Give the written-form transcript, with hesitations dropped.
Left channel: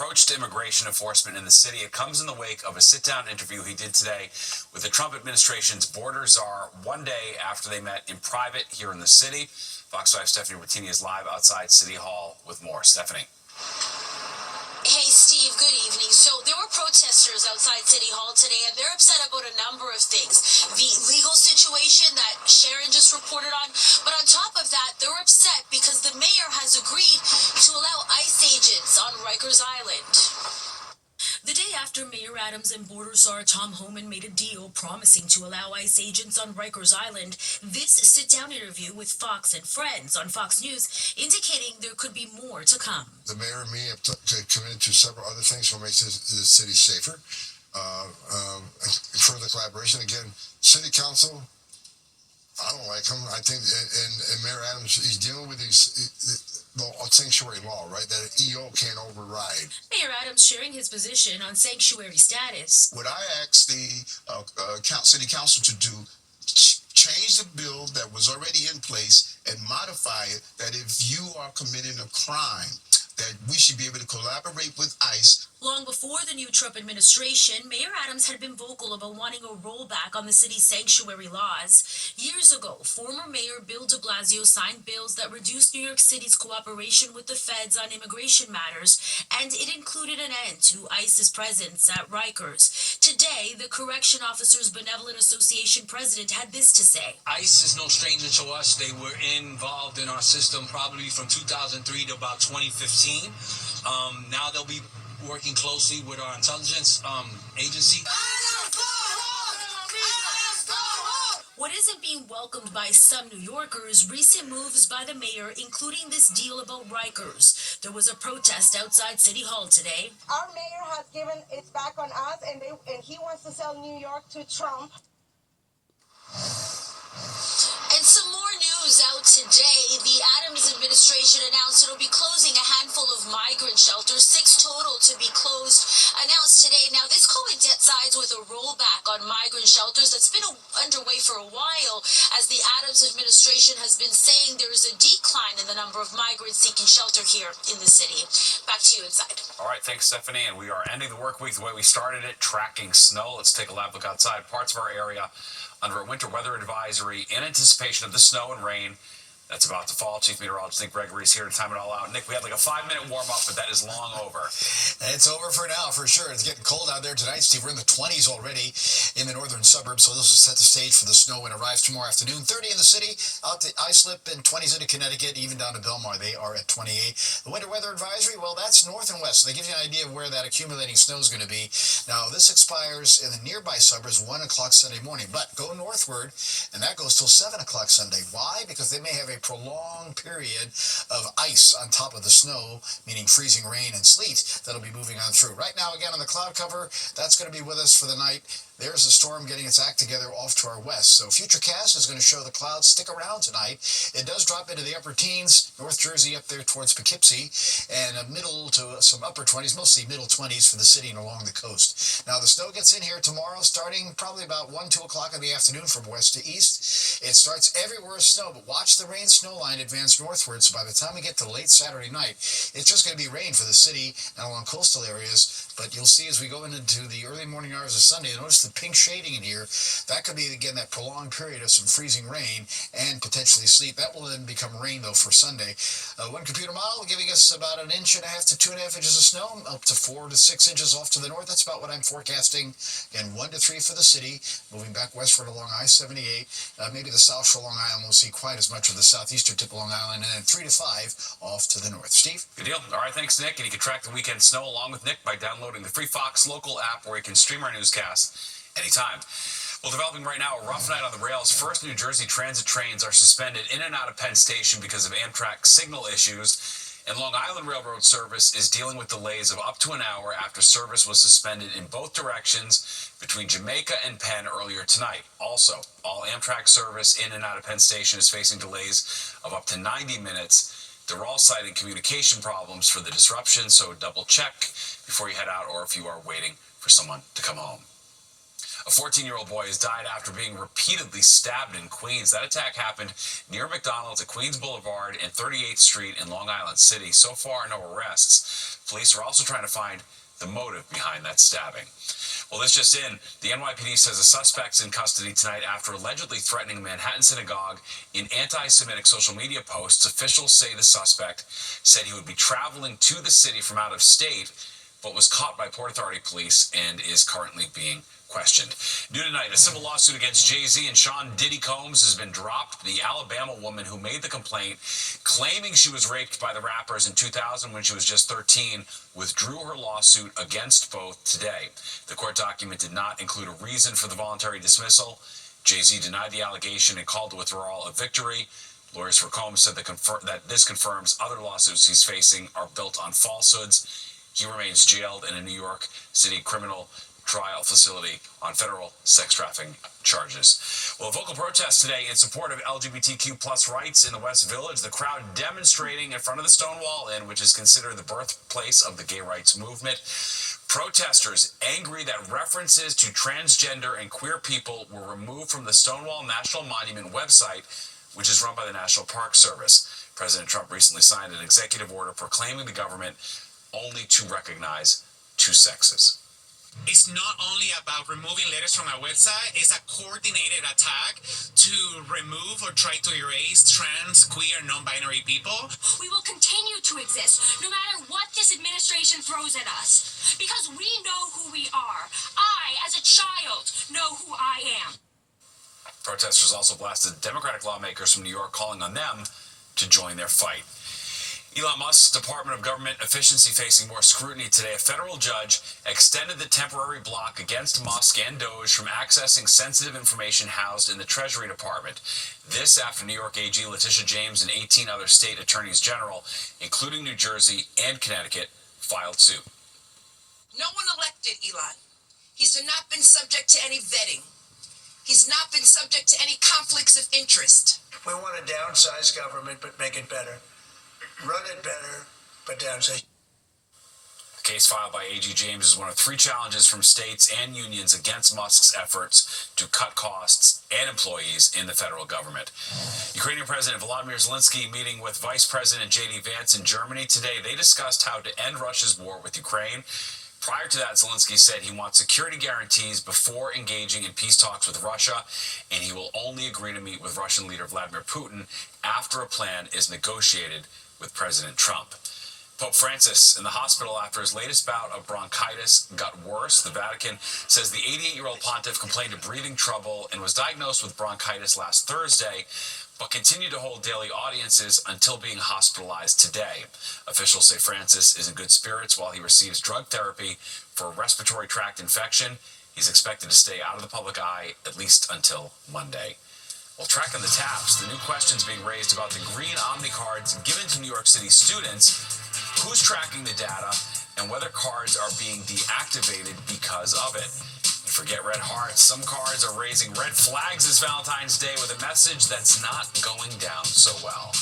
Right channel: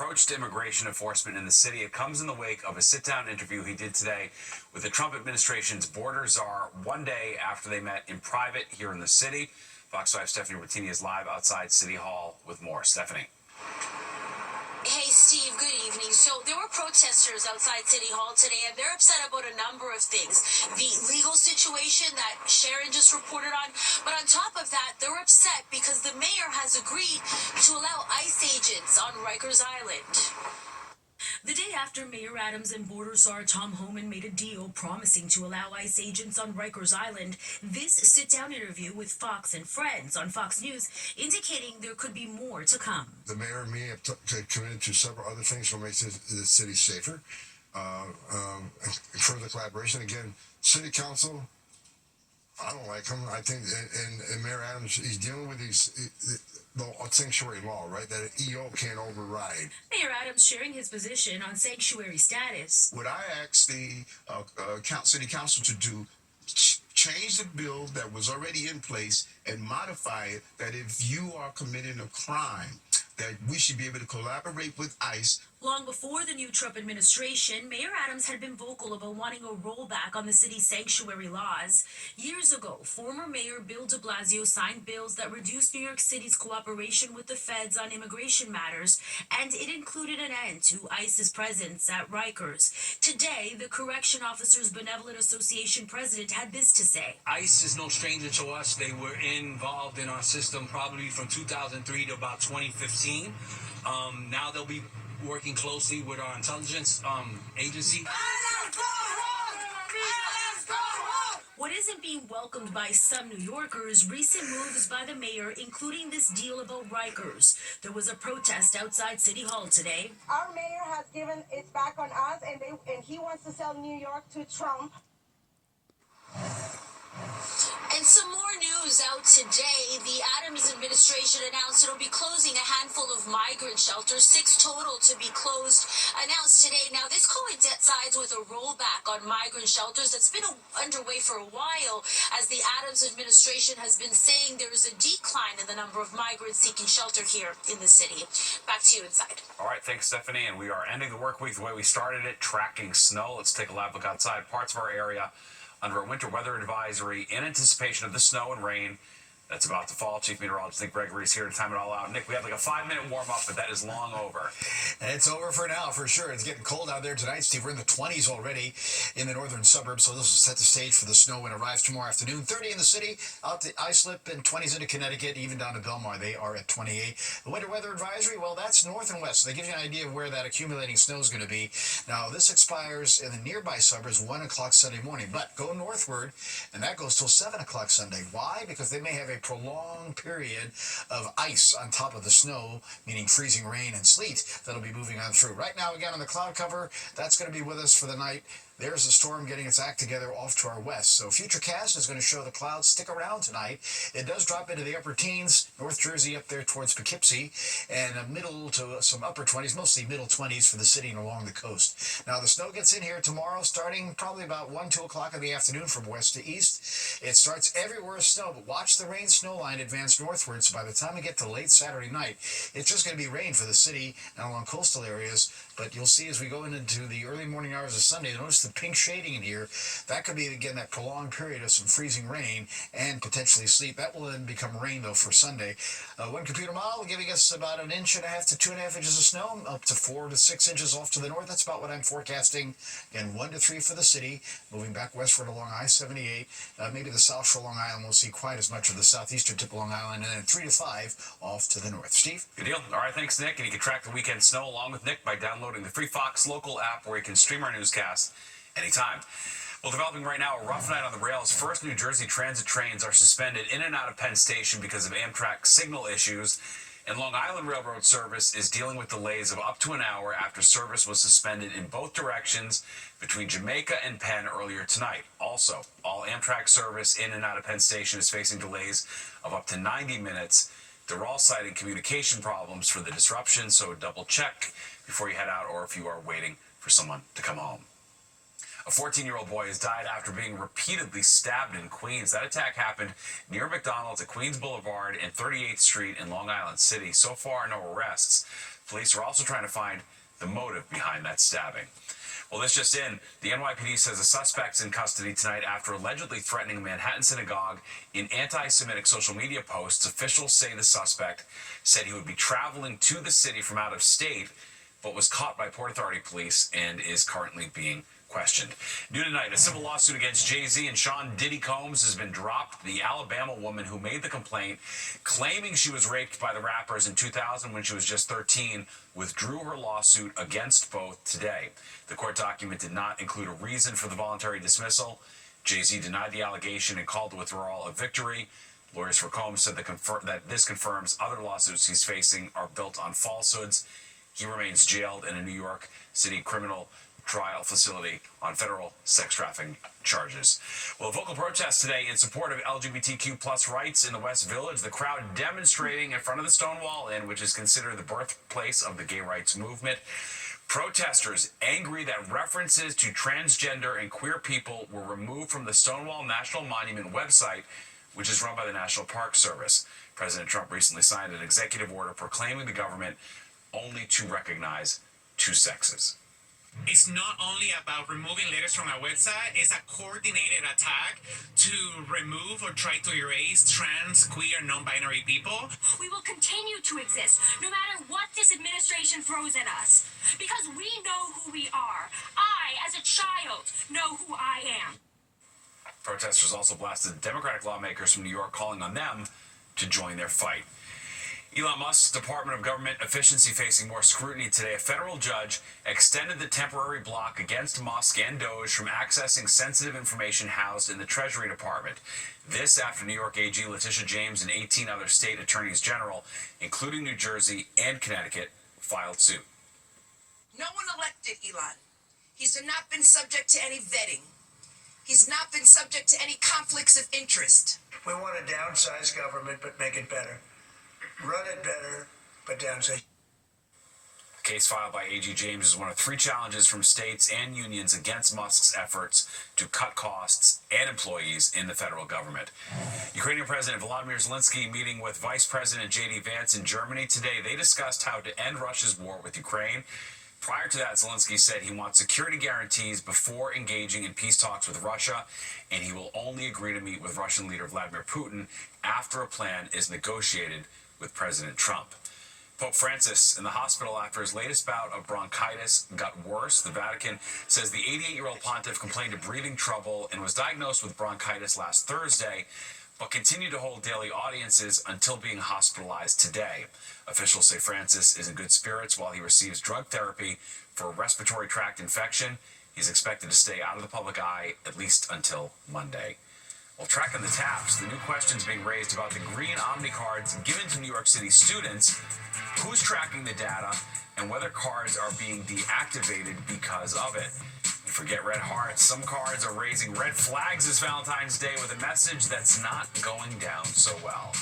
approach to immigration enforcement in the city. It comes in the wake of a sit-down interview he did today with the Trump administration's border czar, one day after they met in private here in the city. Fox 5 Stephanie Routini is live outside City Hall with more. Stephanie. Hey, Steve, good evening. So there were protesters outside City Hall today, and they're upset about a number of things. The legal situation that Sharon just reported on, but on top of that, they're upset because the mayor has agreed to allow ICE agents on Rikers Island. The day after Mayor Adams and border czar Tom Homan made a deal promising to allow ICE agents on Rikers Island, this sit-down interview with Fox and Friends on Fox News indicating there could be more to come. The mayor and me have committed to several other things to make the city safer. Further collaboration. Again, city council, I don't like him. I think, and Mayor Adams, he's dealing with the sanctuary law, right? That an EO can't override. Mayor Adams sharing his position on sanctuary status. What I asked the city council to do, change the bill that was already in place and modify it, that if you are committing a crime, that we should be able to collaborate with ICE. Long before the new Trump administration, Mayor Adams had been vocal about wanting a rollback on the city's sanctuary laws. Years ago, former Mayor Bill de Blasio signed bills that reduced New York City's cooperation with the feds on immigration matters, and it included an end to ICE's presence at Rikers. Today, the Correction Officers Benevolent Association president had this to say. ICE is no stranger to us. They were involved in our system probably from 2003 to about 2015. Now they'll be working closely with our intelligence agency. What isn't being welcomed by some New Yorkers, recent moves by the mayor, including this deal about Rikers. There was a protest outside City Hall today. Our mayor has given it back on us, and he wants to sell New York to Trump. And some more news out today. The Adams administration announced it'll be closing a handful of migrant shelters, 6 total to be closed, announced today. Now, this coincides with a rollback on migrant shelters that's been underway for a while, as the Adams administration has been saying there is a decline in the number of migrants seeking shelter here in the city. Back to you inside. All right, thanks, Stephanie. And we are ending the work week the way we started it, tracking snow. Let's take a live look outside. Parts of our area under a winter weather advisory in anticipation of the snow and rain that's about to fall. Chief Meteorologist Nick Gregory is here to time it all out. Nick, we have like a 5-minute warm-up, but that is long over. It's over for now, for sure. It's getting cold out there tonight, Steve. We're in the 20s already in the northern suburbs, so this will set the stage for the snow when it arrives tomorrow afternoon. 30 in the city, out to Islip, and 20s into Connecticut, even down to Belmar. They are at 28. The winter weather advisory, well, that's north and west, so they give you an idea of where that accumulating snow is going to be. Now, this expires in the nearby suburbs 1 o'clock Sunday morning, but go northward, and that goes till 7 o'clock Sunday. Why? Because they may have a prolonged period of ice on top of the snow, meaning freezing rain and sleet, that'll be moving on through. Right now, again, on the cloud cover, that's going to be with us for the night. There's a storm getting its act together off to our west. So Futurecast is going to show the clouds stick around tonight. It does drop into the upper teens, North Jersey up there towards Poughkeepsie, and a middle to some upper 20s, mostly middle 20s for the city and along the coast. Now, the snow gets in here tomorrow, starting probably about 1, 2 o'clock in the afternoon from west to east. It starts everywhere with snow, but watch the rain snow line advance northward. So by the time we get to late Saturday night, it's just going to be rain for the city and along coastal areas. But you'll see as we go into the early morning hours of Sunday, notice the pink shading in here. That could be, again, that prolonged period of some freezing rain and potentially sleet. That will then become rain, though, for Sunday. One computer model giving us about 1.5 inches to 2.5 inches of snow, up to 4 to 6 inches off to the north. That's about what I'm forecasting. Again, 1 to 3 for the city. Moving back westward along I-78. Maybe the South Shore Long Island won't see quite as much of the southeastern tip of Long Island. And then 3 to 5 off to the north. Steve? Good deal. All right, thanks, Nick. And you can track the weekend snow along with Nick by downloading the free Fox local app, where you can stream our newscast anytime. Well, developing right now, a rough night on the rails. First, New Jersey Transit trains are suspended in and out of Penn Station because of Amtrak signal issues. And Long Island Railroad service is dealing with delays of up to an hour after service was suspended in both directions between Jamaica and Penn earlier tonight. Also, all Amtrak service in and out of Penn Station is facing delays of up to 90 minutes. They're all citing communication problems for the disruption, so double check before you head out or if you are waiting for someone to come home. A 14-year-old boy has died after being repeatedly stabbed in Queens. That attack happened near McDonald's at Queens Boulevard and 38th Street in Long Island City. So far, no arrests. Police are also trying to find the motive behind that stabbing. Well, this just in, the NYPD says a suspect's in custody tonight after allegedly threatening a Manhattan synagogue in anti-Semitic social media posts. Officials say the suspect said he would be traveling to the city from out of state, but was caught by Port Authority police and is currently being questioned. New tonight, a civil lawsuit against Jay-Z and Sean Diddy Combs has been dropped. The Alabama woman who made the complaint, claiming she was raped by the rappers in 2000 when she was just 13, withdrew her lawsuit against both today. The court document did not include a reason for the voluntary dismissal. Jay-Z denied the allegation and called the withdrawal a victory. Lawyers for Combs said that this confirms other lawsuits he's facing are built on falsehoods. He remains jailed in a New York City criminal trial facility on federal sex trafficking charges. Well, a vocal protest today in support of LGBTQ plus rights in the West Village. The crowd demonstrating in front of the Stonewall Inn, which is considered the birthplace of the gay rights movement. Protesters angry that references to transgender and queer people were removed from the Stonewall National Monument website, which is run by the National Park Service. President Trump recently signed an executive order proclaiming the government only to recognize two sexes. It's not only about removing letters from our website, it's a coordinated attack to remove or try to erase trans, queer, non-binary people. We will continue to exist no matter what this administration throws at us, because we know who we are. I, as a child, know who I am. Protesters also blasted Democratic lawmakers from New York, calling on them to join their fight. Elon Musk's Department of Government Efficiency facing more scrutiny today. A federal judge extended the temporary block against Musk and Doge from accessing sensitive information housed in the Treasury Department. This after New York AG Letitia James and 18 other state attorneys general, including New Jersey and Connecticut, filed suit. No one elected Elon. He's not been subject to any vetting. He's not been subject to any conflicts of interest. We want to downsize government, but make it better. Run it better, but downsize. The case filed by AG James is one of 3 challenges from states and unions against Musk's efforts to cut costs and employees in the federal government. Ukrainian President Volodymyr Zelensky meeting with Vice President J.D. Vance in Germany today. They discussed how to end Russia's war with Ukraine. Prior to that, Zelensky said he wants security guarantees before engaging in peace talks with Russia, and he will only agree to meet with Russian leader Vladimir Putin after a plan is negotiated with President Trump. Pope Francis in the hospital after his latest bout of bronchitis got worse. The Vatican says the 88-year-old pontiff complained of breathing trouble and was diagnosed with bronchitis last Thursday, but continued to hold daily audiences until being hospitalized today. Officials say Francis is in good spirits while he receives drug therapy for a respiratory tract infection. He's expected to stay out of the public eye at least until Monday. Well, tracking the taps, the new questions being raised about the green Omni cards given to New York City students, who's tracking the data, and whether cards are being deactivated because of it. And forget red hearts, some cards are raising red flags this Valentine's Day with a message that's not going down so well.